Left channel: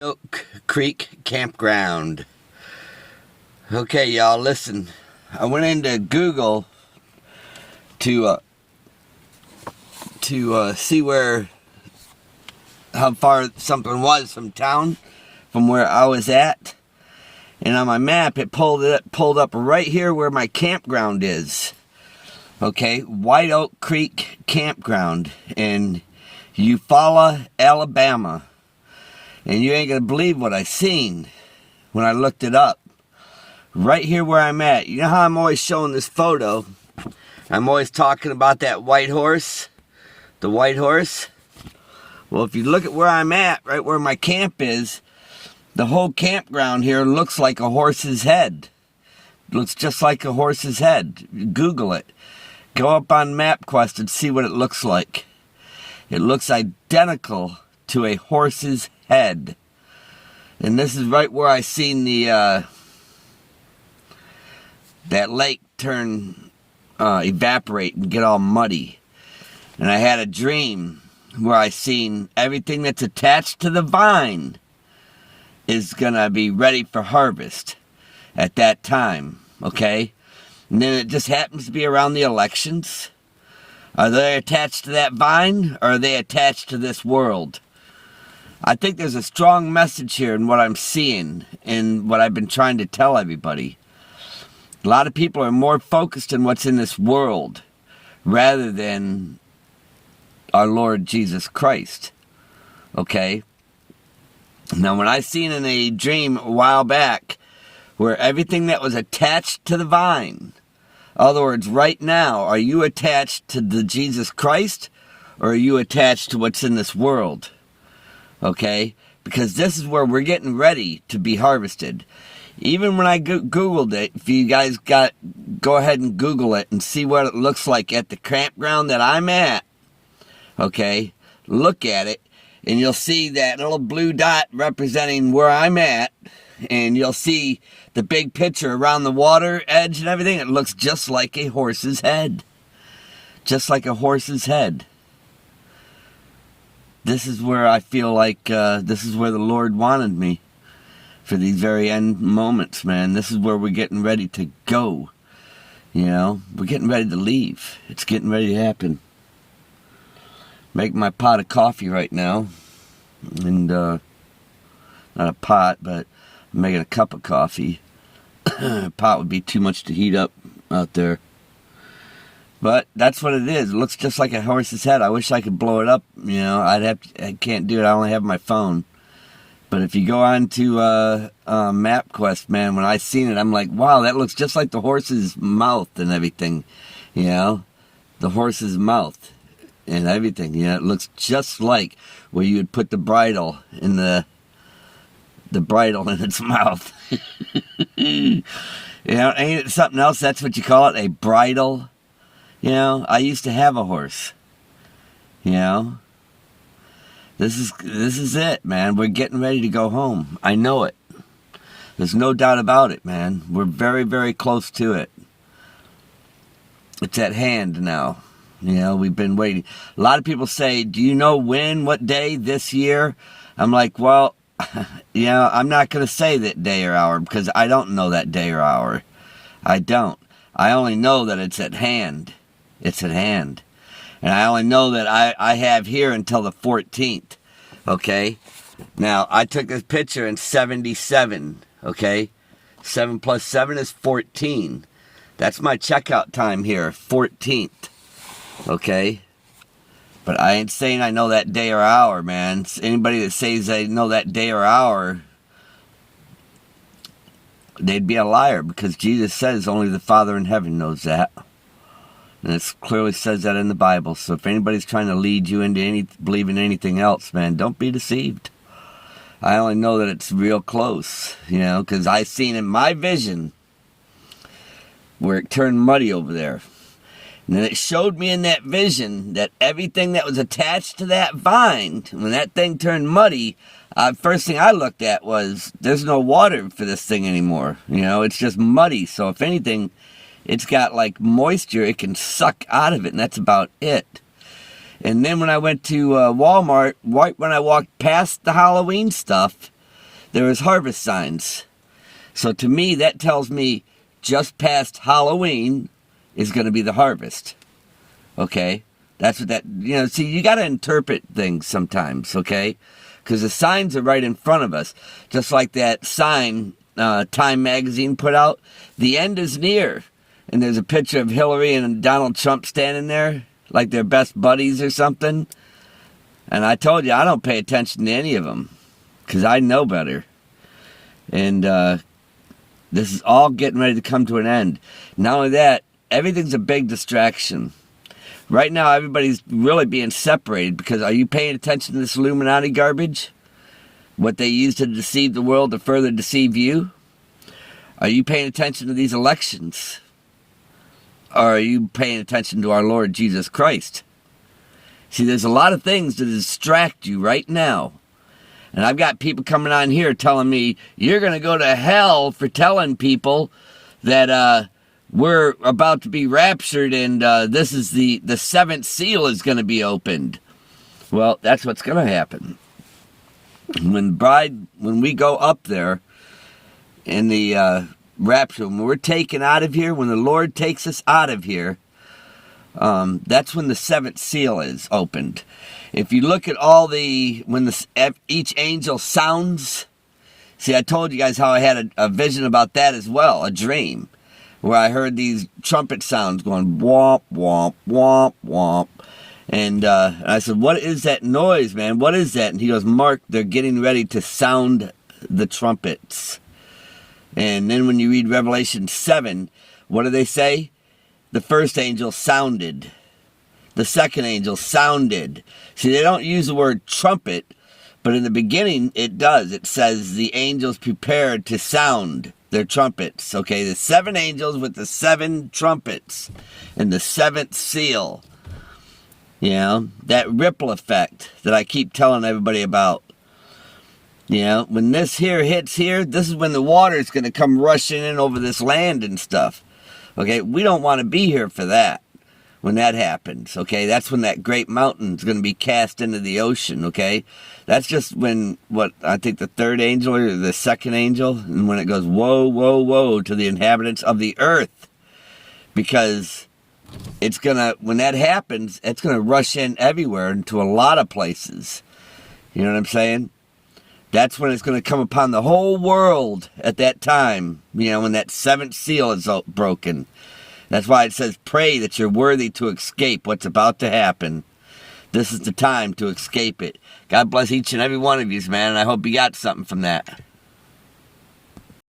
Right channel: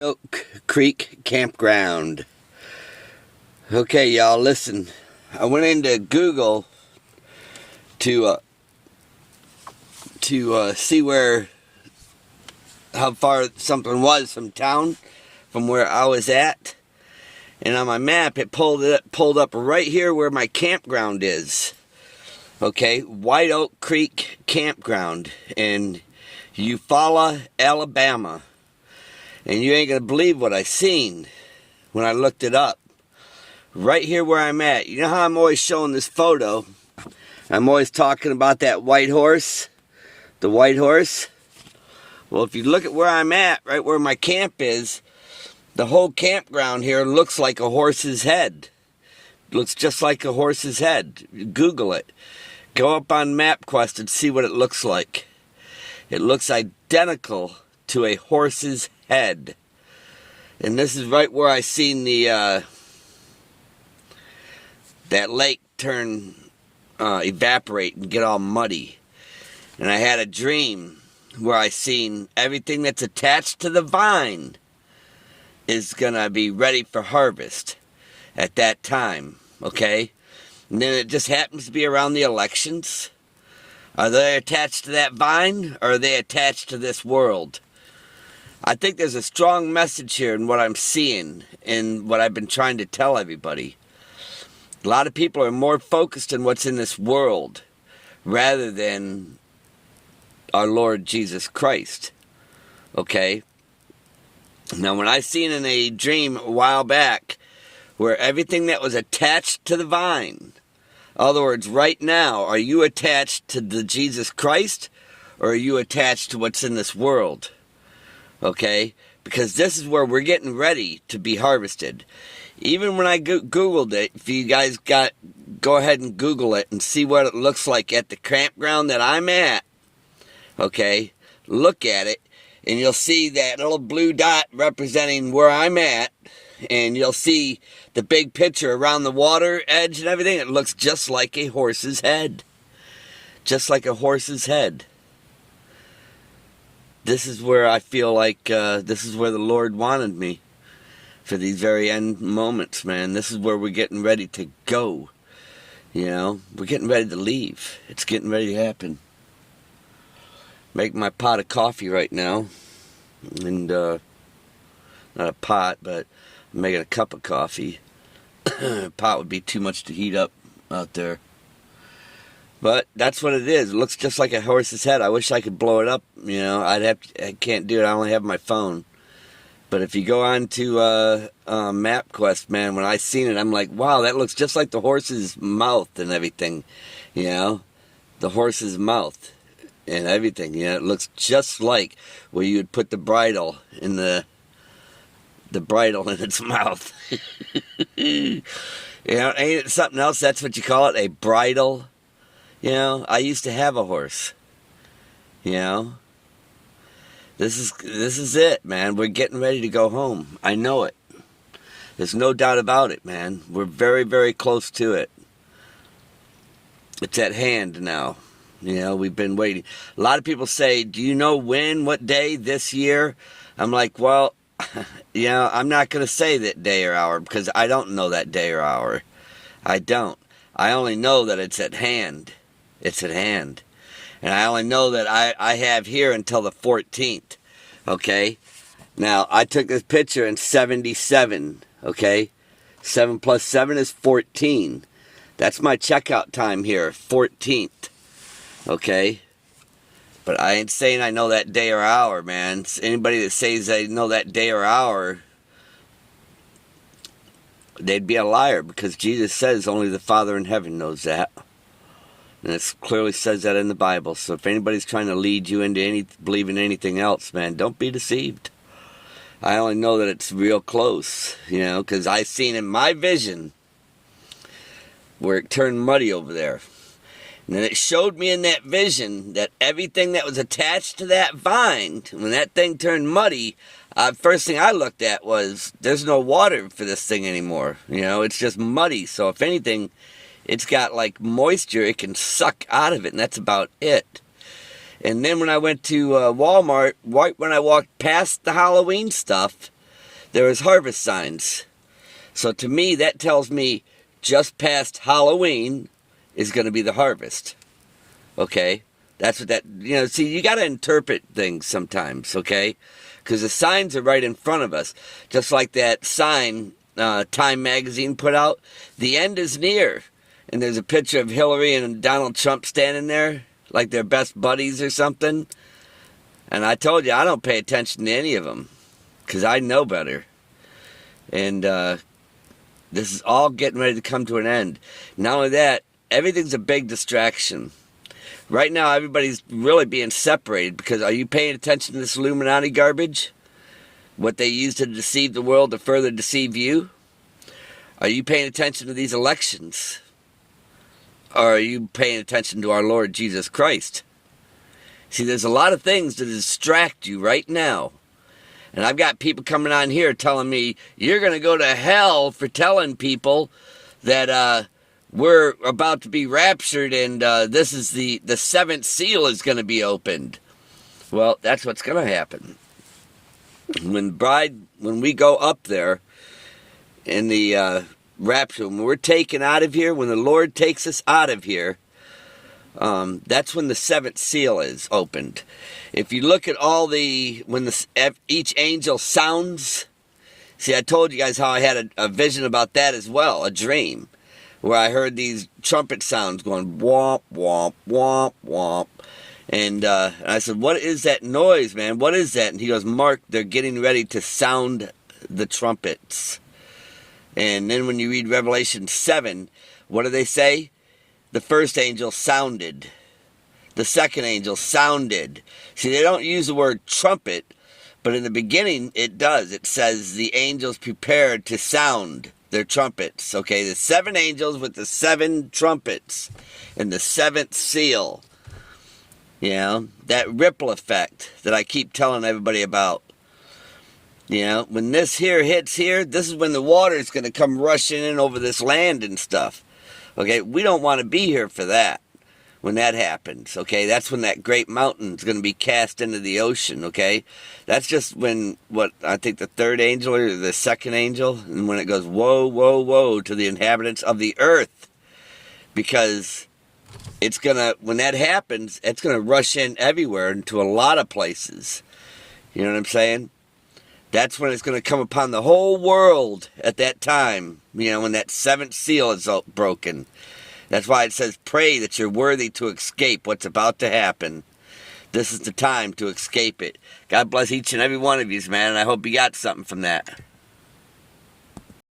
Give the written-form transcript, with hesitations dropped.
Oak Creek Campground. Okay, y'all, listen. I went into Google to see how far something was from town, from where I was at, and on my map it pulled up right here where my campground is. Okay, White Oak Creek Campground in Eufaula, Alabama. And you ain't gonna believe what I seen when I looked it up. Right here where I'm at. You know how I'm always showing this photo? I'm always talking about that white horse. The white horse. Well, if you look at where I'm at, right where my camp is, the whole campground here looks like a horse's head. It looks just like a horse's head. Google it. Go up on MapQuest and see what it looks like. It looks identical to a horse's head. And this is right where I seen the that lake turn evaporate and get all muddy. And I had a dream where I seen everything that's attached to the vine is gonna be ready for harvest at that time. Okay, and then it just happens to be around the elections. Are they attached to that vine, or are they attached to this world? I think there's a strong message here in what I'm seeing and what I've been trying to tell everybody. A lot of people are more focused on what's in this world rather than our Lord Jesus Christ. Okay? Now, when I seen in a dream a while back where everything that was attached to the vine, in other words, right now, are you attached to the Jesus Christ, or are you attached to what's in this world? Okay, because this is where we're getting ready to be harvested. Even when I Googled it, if you guys go ahead and Google it and see what it looks like at the campground that I'm at. Okay, look at it, and you'll see that little blue dot representing where I'm at, and you'll see the big picture around the water edge and everything. It looks just like a horse's head. Just like a horse's head. This is where I feel like this is where the Lord wanted me for these very end moments, man. This is where we're getting ready to go. You know, we're getting ready to leave. It's getting ready to happen. Making my pot of coffee right now. And, not a pot, but I'm making a cup of coffee. A pot would be too much to heat up out there. But that's what it is. It looks just like a horse's head. I wish I could blow it up. You know, I can't do it. I only have my phone. But if you go on to MapQuest, man, when I seen it, I'm like, wow, that looks just like the horse's mouth and everything. You know, the horse's mouth and everything. You know, it looks just like where you would put the bridle in the bridle in its mouth. You know, ain't it something else? That's what you call it, a bridle. You know, I used to have a horse. You know, this is it, man. We're getting ready to go home. I know it. There's no doubt about it, man. We're very, very close to it. It's at hand now. You know, we've been waiting. A lot of people say, do you know when, what day, this year? I'm like, well, you know, I'm not going to say that day or hour because I don't know that day or hour. I don't. I only know that it's at hand. It's at hand. And I only know that I have here until the 14th. Okay? Now, I took this picture in 77. Okay? 7 plus 7 is 14. That's my checkout time here. 14th. Okay? But I ain't saying I know that day or hour, man. Anybody that says they know that day or hour, they'd be a liar, because Jesus says only the Father in heaven knows that. And it clearly says that in the Bible. So if anybody's trying to lead you into believing anything else, man, don't be deceived. I only know that it's real close, you know, because I seen in my vision where it turned muddy over there. And then it showed me in that vision that everything that was attached to that vine, when that thing turned muddy, first thing I looked at was, there's no water for this thing anymore. You know, it's just muddy. So if anything, it's got like moisture it can suck out of it, and that's about it. And then when I went to Walmart, right when I walked past the Halloween stuff, there was harvest signs. So to me, that tells me just past Halloween is going to be the harvest. Okay? That's what that, see, you got to interpret things sometimes, okay? Because the signs are right in front of us. Just like that sign Time Magazine put out, the end is near. And there's a picture of Hillary and Donald Trump standing there like they're best buddies or something. And I told you, I don't pay attention to any of them because I know better. And this is all getting ready to come to an end. Not only that, everything's a big distraction. Right now, everybody's really being separated because are you paying attention to this Illuminati garbage? What they use to deceive the world to further deceive you? Are you paying attention to these elections? Or are you paying attention to our Lord Jesus Christ? See, there's a lot of things that distract you right now. And I've got people coming on here telling me, you're going to go to hell for telling people that we're about to be raptured and this is the seventh seal is going to be opened. Well, that's what's going to happen. When we go up there in the rapture, when we're taken out of here, when the Lord takes us out of here, that's when the seventh seal is opened. If you look at each angel sounds, see, I told you guys how I had a vision about that as well, a dream, where I heard these trumpet sounds going womp, womp, womp, womp. And I said, what is that noise, man? What is that? And he goes, Mark, they're getting ready to sound the trumpets. And then when you read Revelation 7, what do they say? The first angel sounded. The second angel sounded. See, they don't use the word trumpet, but in the beginning it does. It says the angels prepared to sound their trumpets. Okay, the seven angels with the seven trumpets and the seventh seal. That ripple effect that I keep telling everybody about. When this here hits here, this is when the water is going to come rushing in over this land and stuff. Okay, we don't want to be here for that. When that happens, okay, that's when that great mountain is going to be cast into the ocean, okay? That's just when, I think the third angel or the second angel, and when it goes, woe, woe, woe to the inhabitants of the earth. Because when that happens, it's going to rush in everywhere into a lot of places. You know what I'm saying? That's when it's going to come upon the whole world at that time, when that seventh seal is broken. That's why it says, pray that you're worthy to escape what's about to happen. This is the time to escape it. God bless each and every one of you, man, and I hope you got something from that.